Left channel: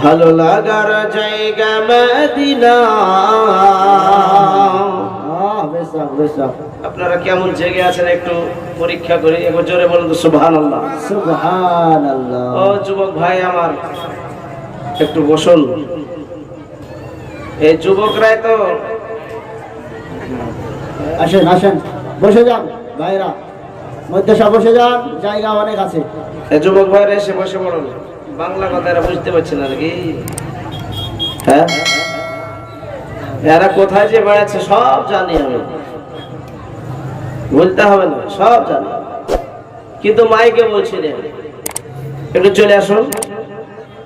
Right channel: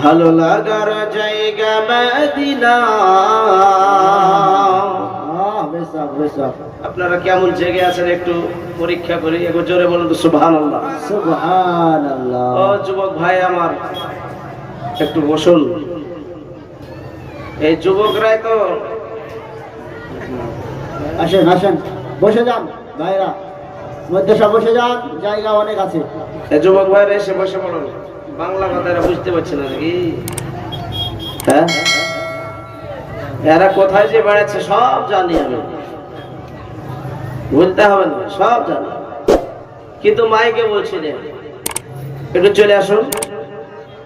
ভালো লাগার জায়গা মদিনা। আপনারা কেমন জেগে আছেন একটু পরীক্ষা করি, একটু জোরে বলুন তো সুবহানাল্লাহ। সুবহানাল্লাহ। ও যুবক ভাই আমার, একটু বসুন। এই যুবকরাই তো, আসেন আসেন, বসে যান ভাইরা, মধ্যে সব বসে যান, জায়গা অনেক আছে। এই যুবক ভাইরা এসে বসে পড়ুন। বাংলা কথা এরা বুঝতে পারছে না নাকি? হ্যাঁ, এরা কোথায় যে বেড়াচ্ছে সব জানি আমি, বলতে হবে না, সব জানি, কিন্তু মাইকে বলছি রে। একটু চলে আসুন,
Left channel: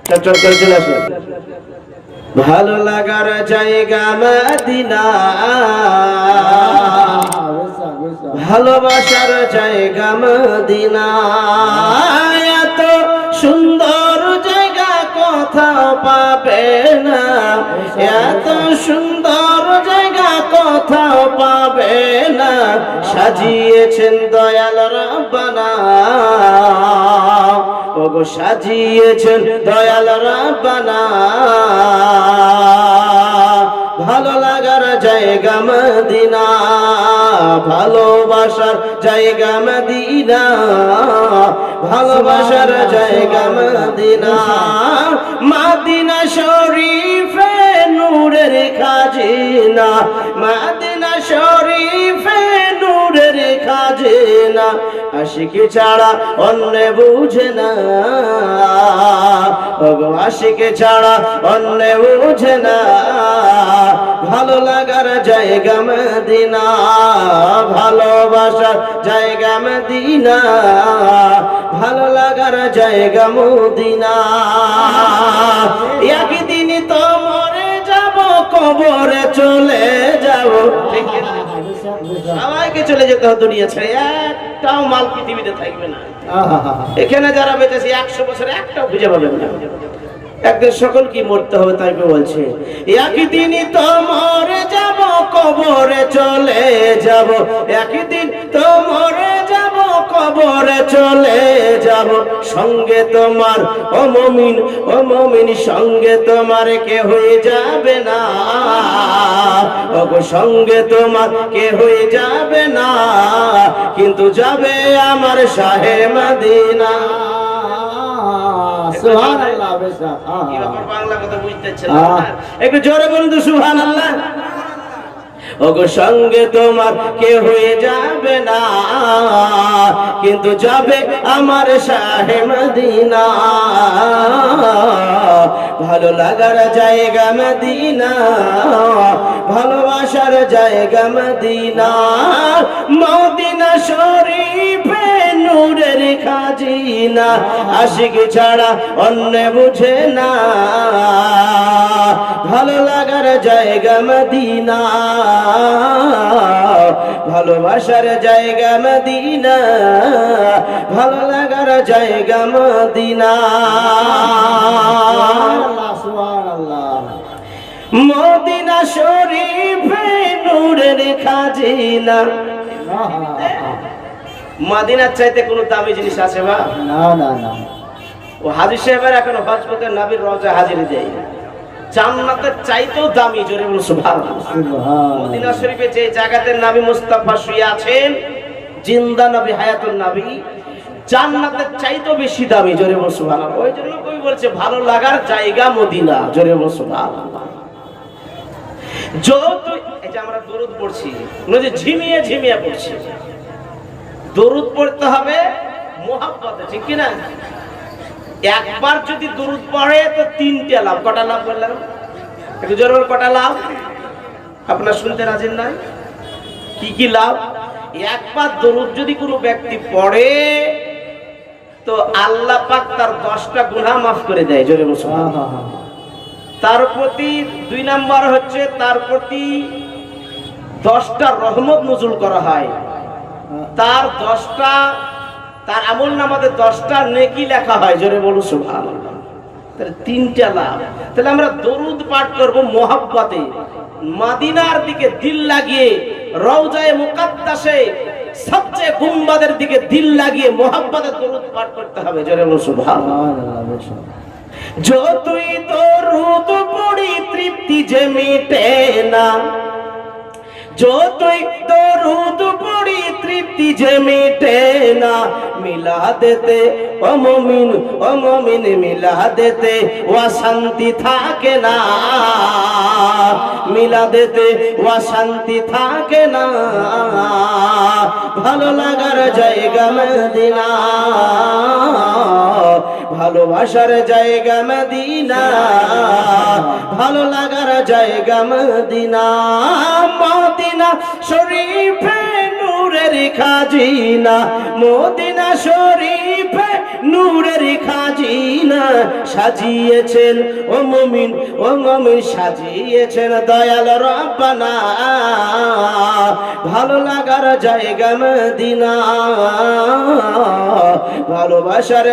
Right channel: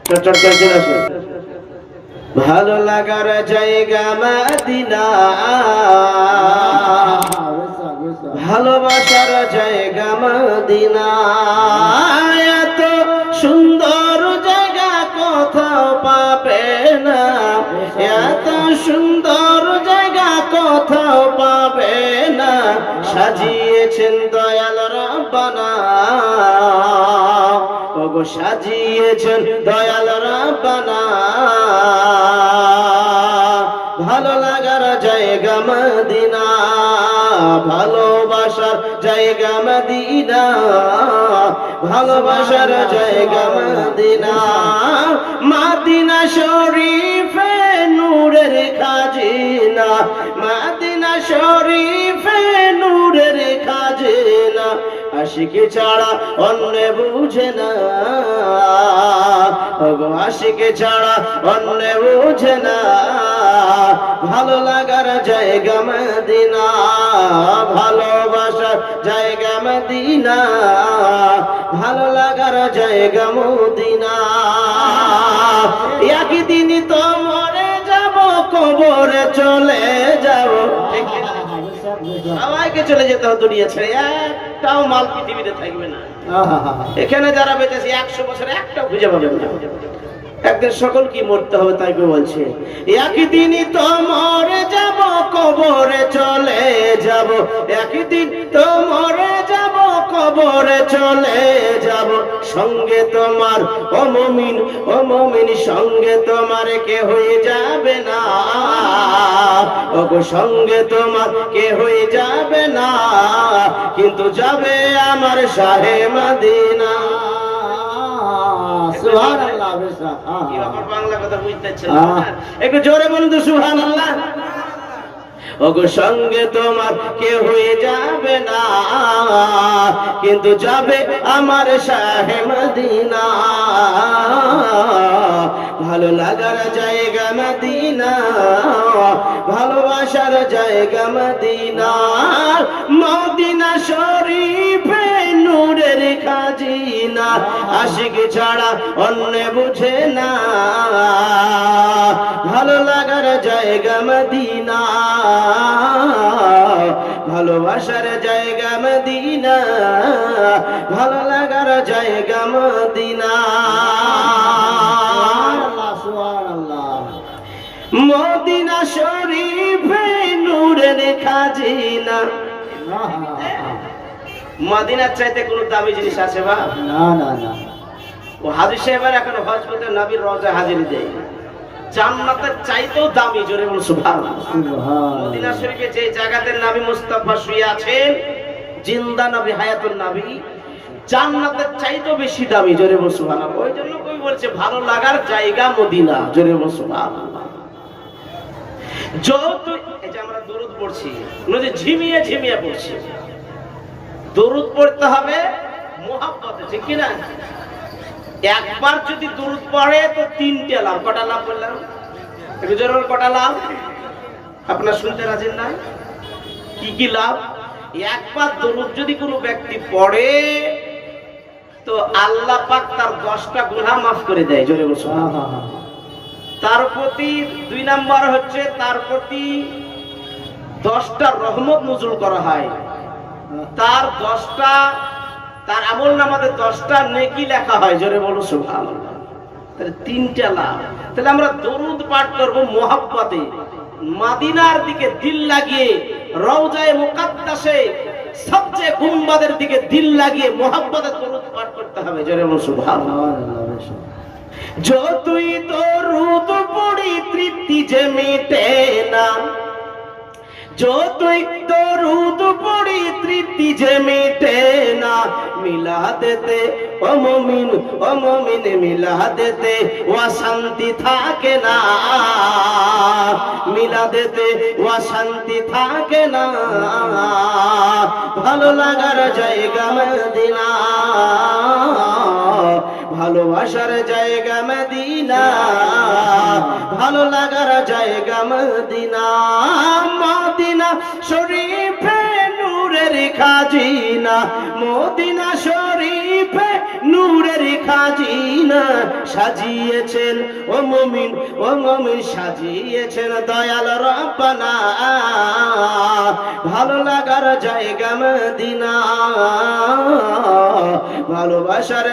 চটচট করে চলে আসুন। ভালো লাগার জায়গা মদিনা, ভালোবাসার জায়গা মদিনা। এত সুন্দর জায়গা কোথাও পাবে না, এত সুন্দর জায়গা কোথাও পাবে না। সাজিয়েছেন দয়াল রব্বানা, ওগো সাজিয়েছেন দয়াল রব্বানা। ভালো লাগার জায়গা মদিনা, ভালোবাসার জায়গা মদিনা, ভালোবাসার জায়গা মদিনা। মদিনা শরীফে নূরের খাজিনা, মদিনা শরীফে নূরের খাজিনা। আশিক ছাড়া অন্য বুঝে না, আশিক ছাড়া অন্য বুঝে না। ভালো লাগার জায়গা মদিনা, ভালোবাসার জায়গা মদিনা, ভালো লাগার জায়গা মদিনা। একদিন তো মরে যাব, কবরে চলে যাব। সবাইকে চলে যেতে হবে দুনিয়া ছেড়ে, একটাও মাল পৃথিবীতে থাকবে না। এখানে যারা বেঁচেছে 100 বছরে একটাও খুঁজে পাবেন না। একদিন সকল কি মরতে হবে, তাই বলছে একদিনই তো মরে যাব, কবরে চলে যাব। একদিন তো মরে যাব, কবরে চলে যাব। সঙ্গে তোমার ও মুমিন, ও মুমিন সঙ্গে তোমার কে হয়ে যাবে না, ওগো সঙ্গে তোমার কে হয়ে যাবে না, কিন্তু যাবে আমার শাহে মদিনা। সুবহানাল্লাহ। বাংলা কথা বুঝতেছেন না? একটু জোরে বলুন তো সুবহানাল্লাহ। ওগো সঙ্গে তোমার কে হয়ে যাবে না, কিন্তু যাবে আমার শাহে মদিনা। ভালো লাগার জায়গা মদিনা, ভালোবাসার জায়গা মদিনা। মদিনা শরীফে নূরের খাজিনা, আশিক ছাড়া অন্য বুঝে না। ভালো লাগার জায়গা মদিনা, ভালোবাসার জায়গা মদিনা, ভালো লাগার জায়গা মদিনা। মদিনা শরীফে নূরের খাজিনা। মদিনার চাইতে কোনো দামি জিনিস আছে মা? না না না। ও হাজী সাহেবের এখন হজ করতে নবীর রোজা হাজিরি দেয়, জান্নাতের চাইতেও দামি। জোরে বলুন সুবহানাল্লাহ। মদিনা শরীফে যে জায়গাতে নবী মুস্তাফা শুয়ে আছেন, জিন্দা নবী, হায়াতুন নবী, জান্নাতের চাইতেও বেশি দামি। জোরে বলুন সুবহানাল্লাহ। ওই জন্য কই বলছে ভালো লাগার জায়গা মদিনা। জোরে বলুন সুবহানাল্লাহ। যত এই যে আমরা দরুদ পড়ছি, নদী ঝিমিয়ে ঝিমিয়ে পড়ছি, দরুদ পড়তে হবে মুহাব্বতে, ঠিক কি না? একবার যদি দরুদ পড়ে তো 3টা লাভ। কটা লাভ বললাম? একটু জোরে কটা লাভ? আপনারা শুনতে রাজি না? কি কি লাভ? একবার দরুদ যদি কোনো ব্যক্তি পড়ে তো আল্লাহ পাক তার 10টা গুনাহ মাফ করে দেয়। জোরে বলুন। তার প্রতি 2 নাম্বার হচ্ছে তার প্রতি 10টা রহমত নজুল করা হয়। তার 10টা, তার আমল নামাতে 10টা নেকি লেখা হয়। জোরে বলুন সুবহানাল্লাহ। তাহলে 3টা লাভ। তাহলে আমরা দরুদ পাঠ করব মুহাব্বতে, মদিনার দিকে দিল লাগিয়ে, রওজায়ে মুকাদ্দাসে সবচেয়ে গুম্বাদের দিকে দিল লাগিয়ে মুহাব্বতে দরুদ পাঠ করতে হবে। জোরে বলুন সুবহানাল্লাহ। যতই দরুদ পড়ি তৃপ্তি যে মিটে না, যতই দরুদ পড়ি তৃপ্তি যে মিটে না, মিলাদেতে ও মুমিন মিলাদেতে অশান্তি থাকে না, মিলাদেতে অশান্তি থাকে না, ভালো লাগার জায়গা মদিনা, ভালোবাসার জায়গা মদিনা, ভালো লাগার জায়গা মদিনা, মদিনা শরীফে নূরের খাজিনা, মদিনা শরীফে নূরের খাজিনা, সাজিয়েছেন ও মুমিন সাজিয়েছেন দয়াল রব্বানা, ভালো লাগার জায়গা মদিনা, ভালোবাসার